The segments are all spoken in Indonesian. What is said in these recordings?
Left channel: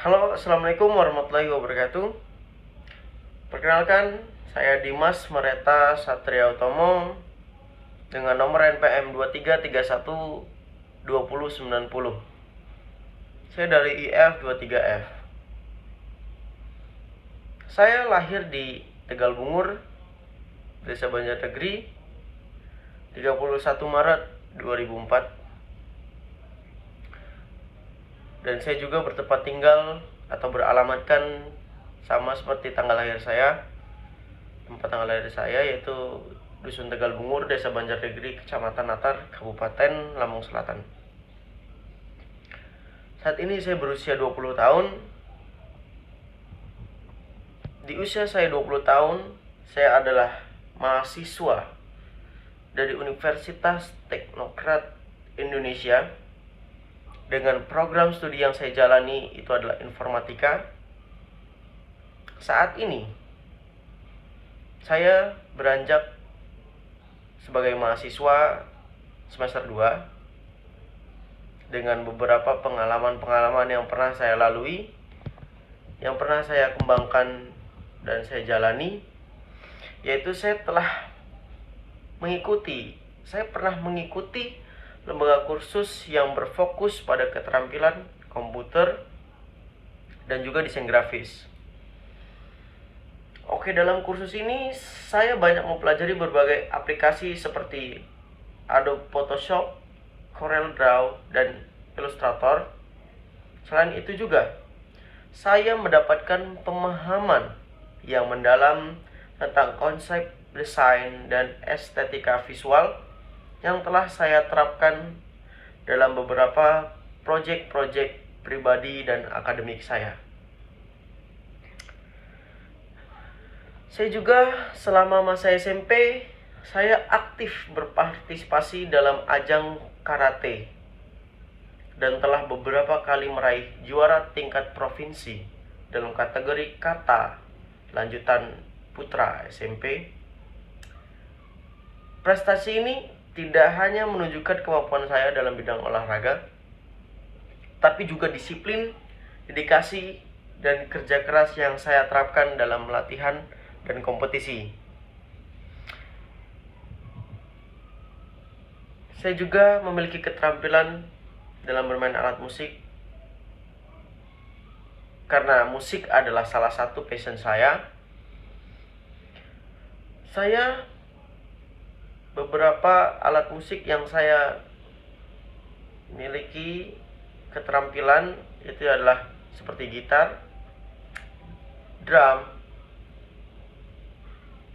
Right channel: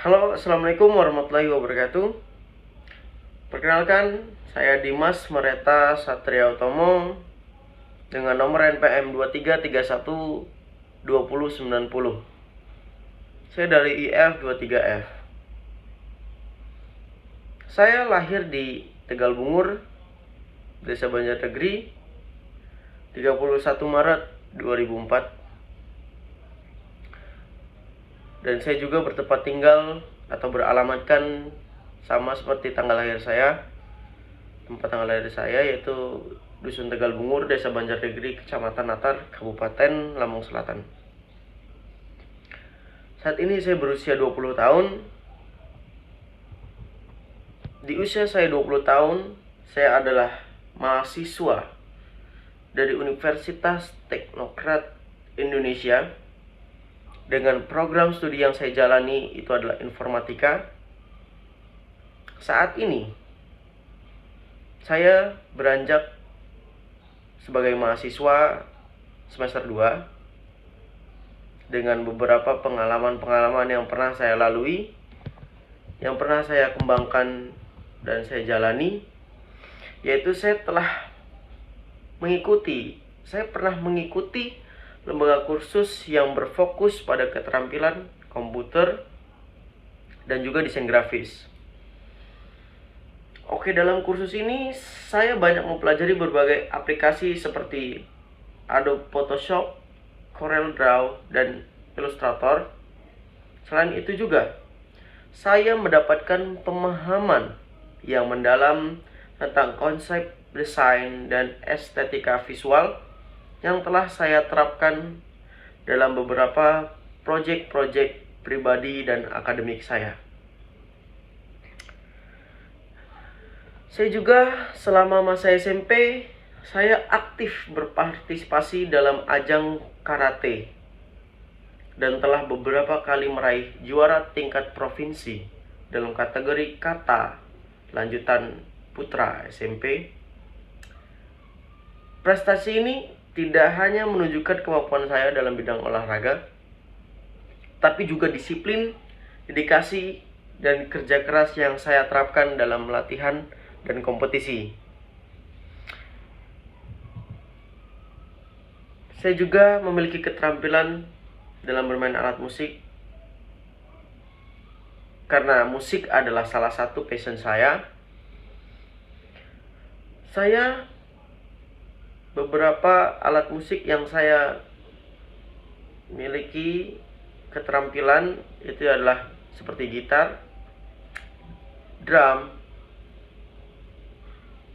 Halo, Assalamualaikum warahmatullahi wabarakatuh. Perkenalkan, saya Dimas Mereta Satria Utomo dengan nomor NPM 23312090. Saya dari IF 23F. Saya lahir di Tegal Bungur, Desa Banjarnegeri, 31 Maret 2004. Dan saya juga bertempat tinggal atau beralamatkan sama seperti tanggal lahir saya. Tempat tanggal lahir saya yaitu Dusun Tegal Bungur, Desa Banjarnegeri, Kecamatan Natar, Kabupaten Lampung Selatan. Saat ini saya berusia 20 tahun. Di usia saya 20 tahun, saya adalah mahasiswa dari Universitas Teknokrat Indonesia dengan program studi yang saya jalani itu adalah informatika. Saat ini saya beranjak sebagai mahasiswa semester 2 dengan beberapa pengalaman-pengalaman yang pernah saya lalui, yang pernah saya kembangkan dan saya jalani, yaitu saya pernah mengikuti lembaga kursus yang berfokus pada keterampilan komputer dan juga desain grafis. Oke, dalam kursus ini saya banyak mempelajari berbagai aplikasi seperti Adobe Photoshop, Corel Draw, dan Illustrator. Selain itu juga saya mendapatkan pemahaman yang mendalam tentang konsep desain dan estetika visual yang telah saya terapkan dalam beberapa proyek-proyek pribadi dan akademik saya. Saya juga selama masa SMP, saya aktif berpartisipasi dalam ajang karate dan telah beberapa kali meraih juara tingkat provinsi dalam kategori kata lanjutan putra SMP. Prestasi ini tidak hanya menunjukkan kemampuan saya dalam bidang olahraga, tapi juga disiplin, dedikasi, dan kerja keras yang saya terapkan dalam latihan dan kompetisi. Saya juga memiliki keterampilan dalam bermain alat musik, karena musik adalah salah satu passion saya. Beberapa alat musik yang saya miliki keterampilan itu adalah seperti gitar, drum,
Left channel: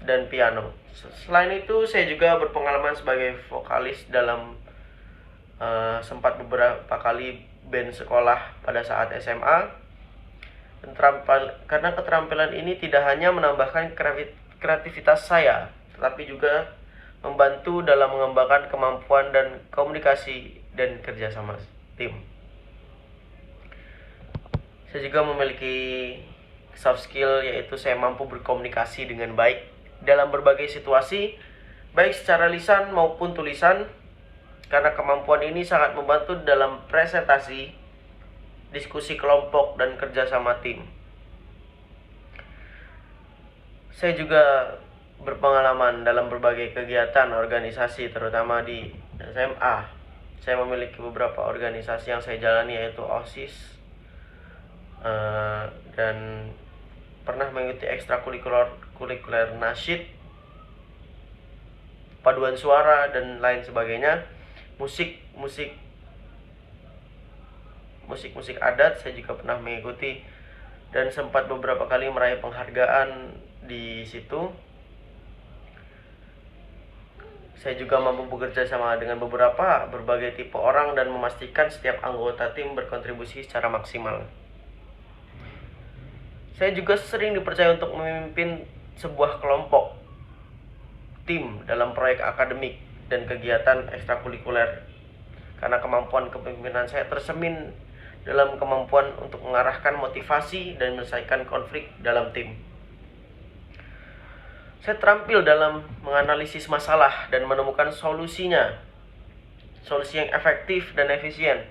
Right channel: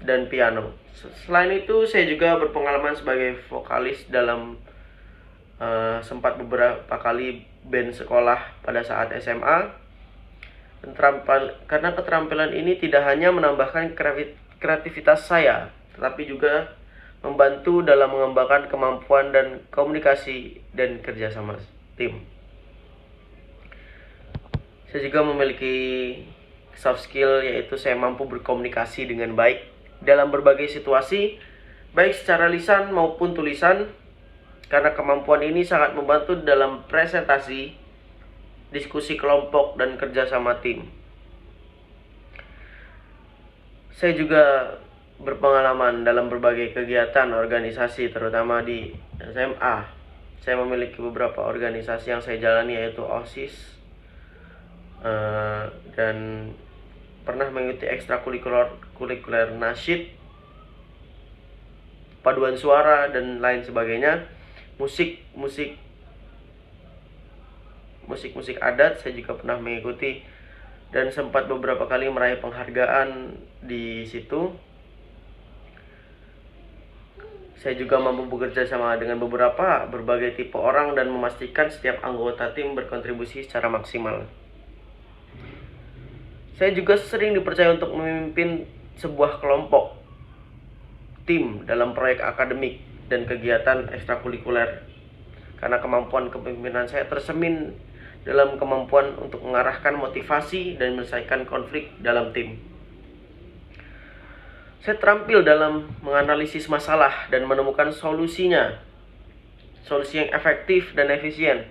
dan piano. Selain itu, saya juga berpengalaman sebagai vokalis dalam sempat beberapa kali band sekolah pada saat SMA. Karena keterampilan ini tidak hanya menambahkan kreativitas saya, tetapi juga membantu dalam mengembangkan kemampuan dan komunikasi dan kerjasama tim. Saya juga memiliki soft skill, yaitu saya mampu berkomunikasi dengan baik dalam berbagai situasi, baik secara lisan maupun tulisan, karena kemampuan ini sangat membantu dalam presentasi, diskusi kelompok, dan kerjasama tim. Saya juga berpengalaman dalam berbagai kegiatan organisasi, terutama di SMA. Saya memiliki beberapa organisasi yang saya jalani, yaitu OSIS, dan pernah mengikuti ekstrakurikuler nasyid, paduan suara, dan lain sebagainya. Musik adat saya juga pernah mengikuti dan sempat beberapa kali meraih penghargaan di situ. Saya juga mampu bekerja sama dengan berbagai tipe orang dan memastikan setiap anggota tim berkontribusi secara maksimal. Saya juga sering dipercaya untuk memimpin sebuah kelompok tim dalam proyek akademik dan kegiatan ekstrakurikuler, karena kemampuan kepemimpinan saya tersemin dalam kemampuan untuk mengarahkan motivasi dan menyelesaikan konflik dalam tim. Saya terampil dalam menganalisis masalah dan menemukan solusi yang efektif dan efisien.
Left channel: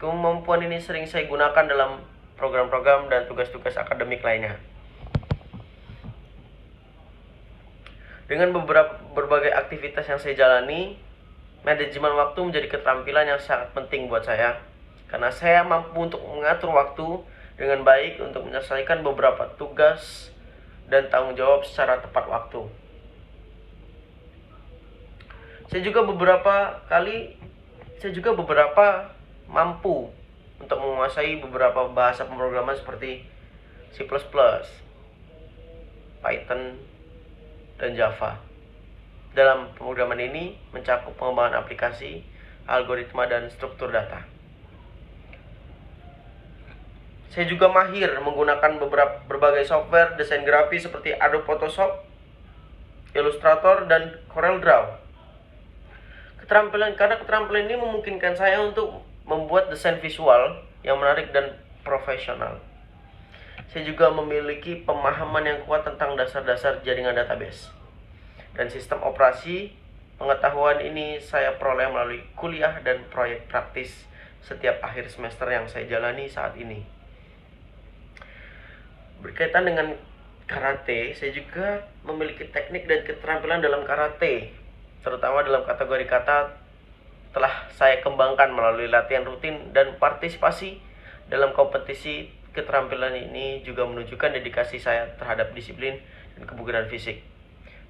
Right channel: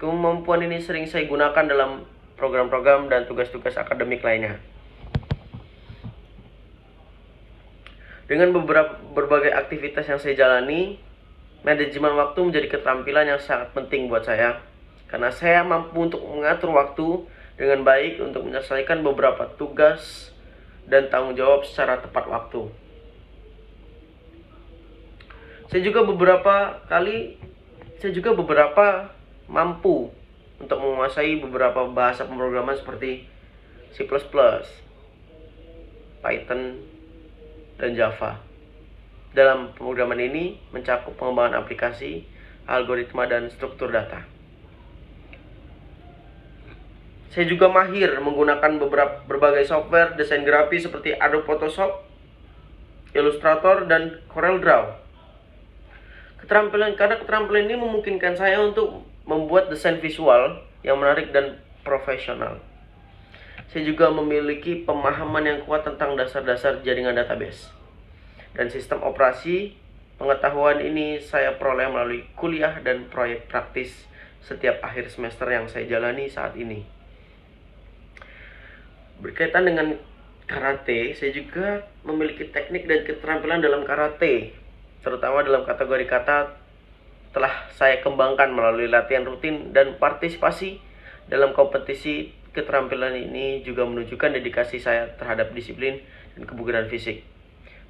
Kemampuan ini sering saya gunakan dalam program-program dan tugas-tugas akademik lainnya. Dengan berbagai aktivitas yang saya jalani, manajemen waktu menjadi keterampilan yang sangat penting buat saya, karena saya mampu untuk mengatur waktu dengan baik untuk menyelesaikan beberapa tugas dan tanggung jawab secara tepat waktu. Saya juga beberapa mampu untuk menguasai beberapa bahasa pemrograman seperti C++, Python, dan Java. Dalam pemrograman ini mencakup pengembangan aplikasi, algoritma, dan struktur data. Saya juga mahir menggunakan berbagai software desain grafis seperti Adobe Photoshop, Illustrator, dan CorelDRAW. Keterampilan ini memungkinkan saya untuk membuat desain visual yang menarik dan profesional. Saya juga memiliki pemahaman yang kuat tentang dasar-dasar jaringan database dan sistem operasi. Pengetahuan ini saya peroleh melalui kuliah dan proyek praktis setiap akhir semester yang saya jalani saat ini. Berkaitan dengan karate, saya juga memiliki teknik dan keterampilan dalam karate, terutama dalam kategori kata telah saya kembangkan melalui latihan rutin dan partisipasi dalam kompetisi. Keterampilan ini juga menunjukkan dedikasi saya terhadap disiplin dan kebugaran fisik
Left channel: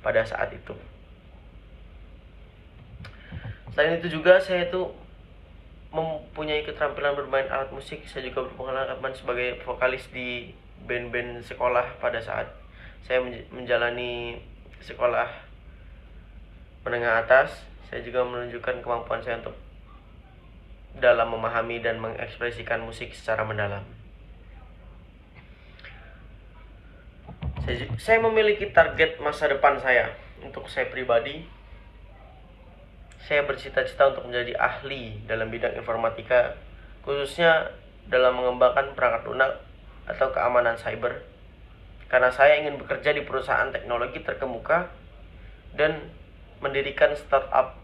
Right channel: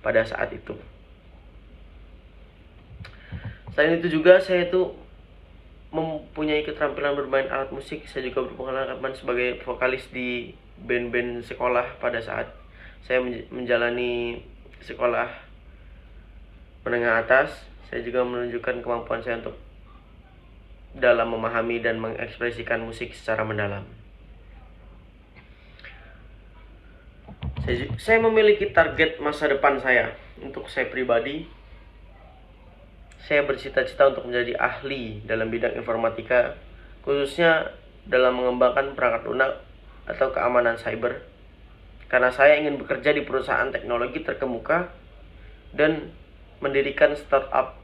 pada saat itu. Selain itu juga saya mempunyai keterampilan bermain alat musik. Saya juga berpengalaman sebagai vokalis di band-band sekolah pada saat saya menjalani sekolah menengah atas. Saya juga menunjukkan kemampuan saya untuk dalam memahami dan mengekspresikan musik secara mendalam. Saya memiliki target masa depan saya. Untuk saya pribadi, saya bercita-cita untuk menjadi ahli dalam bidang informatika, khususnya dalam mengembangkan perangkat lunak atau keamanan cyber, karena saya ingin bekerja di perusahaan teknologi terkemuka dan mendirikan startup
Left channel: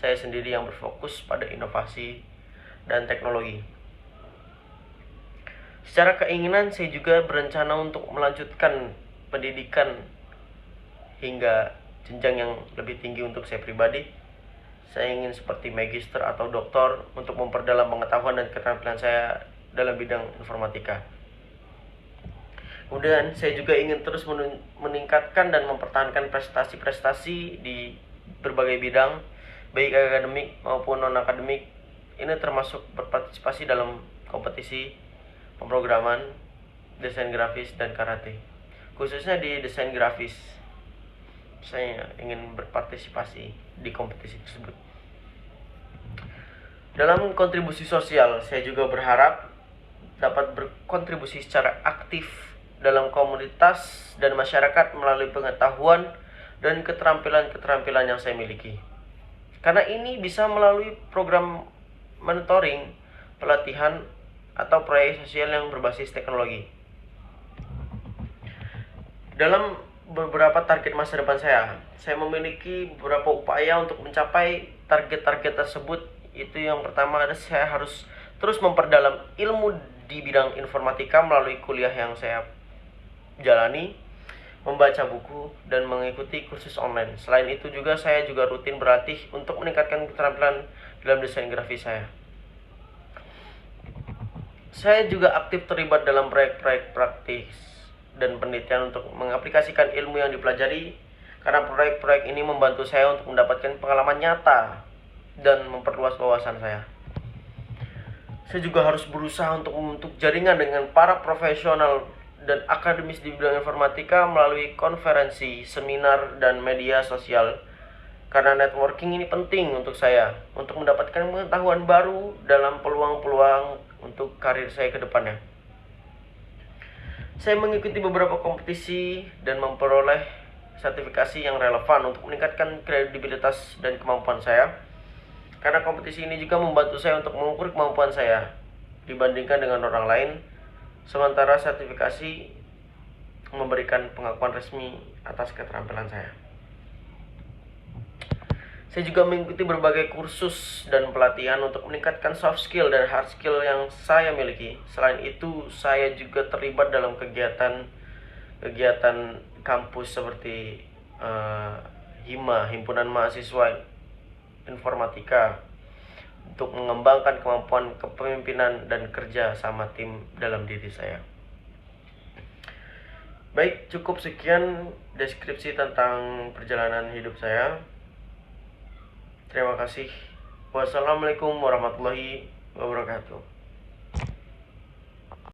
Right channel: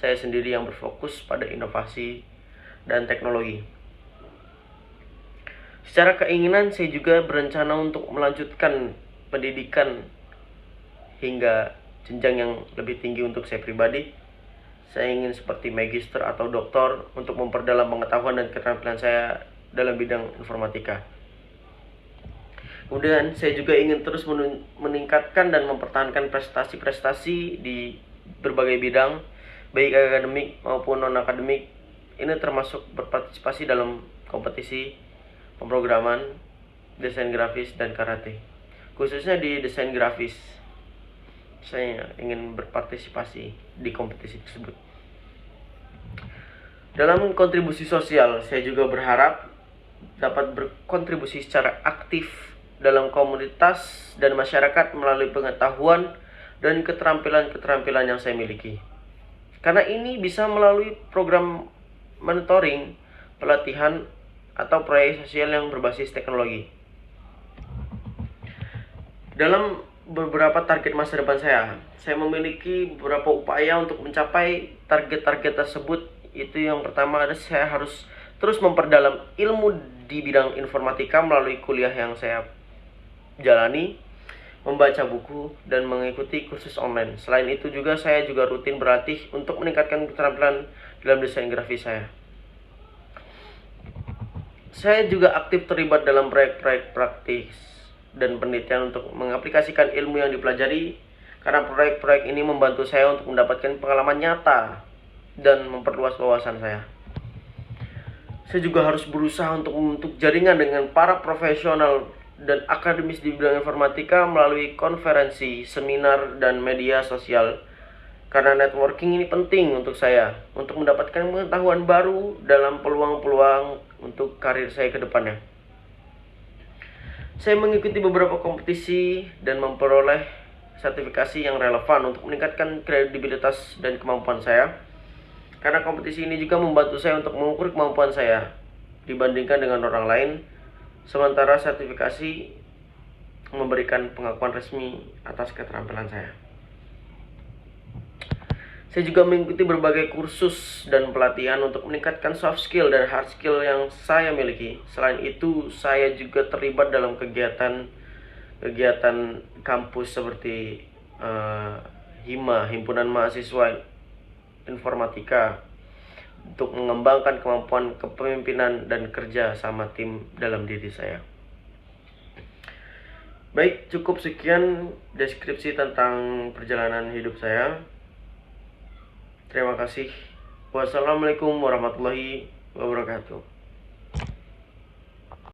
saya sendiri yang berfokus pada inovasi dan teknologi. Secara keinginan, saya juga berencana untuk melanjutkan pendidikan hingga jenjang yang lebih tinggi. Untuk saya pribadi, saya ingin seperti magister atau doktor untuk memperdalam pengetahuan dan keterampilan saya dalam bidang informatika. Kemudian saya juga ingin terus meningkatkan dan mempertahankan prestasi-prestasi di berbagai bidang, baik akademik maupun non-akademik. Ini termasuk berpartisipasi dalam kompetisi pemrograman, desain grafis, dan karate. Khususnya di desain grafis, saya ingin berpartisipasi di kompetisi tersebut. Dalam kontribusi sosial, saya juga berharap dapat berkontribusi secara aktif dalam komunitas dan masyarakat melalui pengetahuan dan keterampilan-keterampilan yang saya miliki. Karena ini bisa melalui program mentoring, pelatihan, atau proyek sosial yang berbasis teknologi. Dalam beberapa target masa depan saya memiliki beberapa upaya untuk mencapai target-target tersebut. Itu yang pertama adalah saya harus terus memperdalam ilmu di bidang informatika melalui kuliah yang saya jalani, membaca buku, dan mengikuti kursus online. Selain itu juga saya juga rutin berlatih untuk meningkatkan keterampilan dalam desain grafis saya. Saya juga aktif terlibat dalam proyek-proyek praktis dan penelitian untuk mengaplikasikan ilmu yang dipelajari, karena proyek-proyek ini membantu saya untuk mendapatkan pengalaman nyata dan memperluas wawasan saya. Saya juga harus berusaha untuk membentuk jaringan dengan para profesional dan akademis di bidang informatika melalui konferensi, seminar, dan media sosial. Karena networking ini penting untuk saya untuk mendapatkan pengetahuan baru dalam peluang-peluang untuk karir saya ke depannya. Saya mengikuti beberapa kompetisi dan memperoleh sertifikasi yang relevan untuk meningkatkan kredibilitas dan kemampuan saya. Karena kompetisi ini juga membantu saya untuk mengukur kemampuan saya dibandingkan dengan orang lain, sementara sertifikasi memberikan pengakuan resmi atas keterampilan saya. Saya juga mengikuti berbagai kursus dan pelatihan untuk meningkatkan soft skill dan hard skill yang saya miliki. Selain itu, saya juga terlibat dalam kegiatan kampus seperti HIMA, Himpunan Mahasiswa Informatika, untuk mengembangkan kemampuan kepemimpinan dan kerja sama tim dalam diri saya. Baik, cukup sekian deskripsi tentang perjalanan hidup saya. Terima kasih. Wassalamualaikum warahmatullahi wabarakatuh.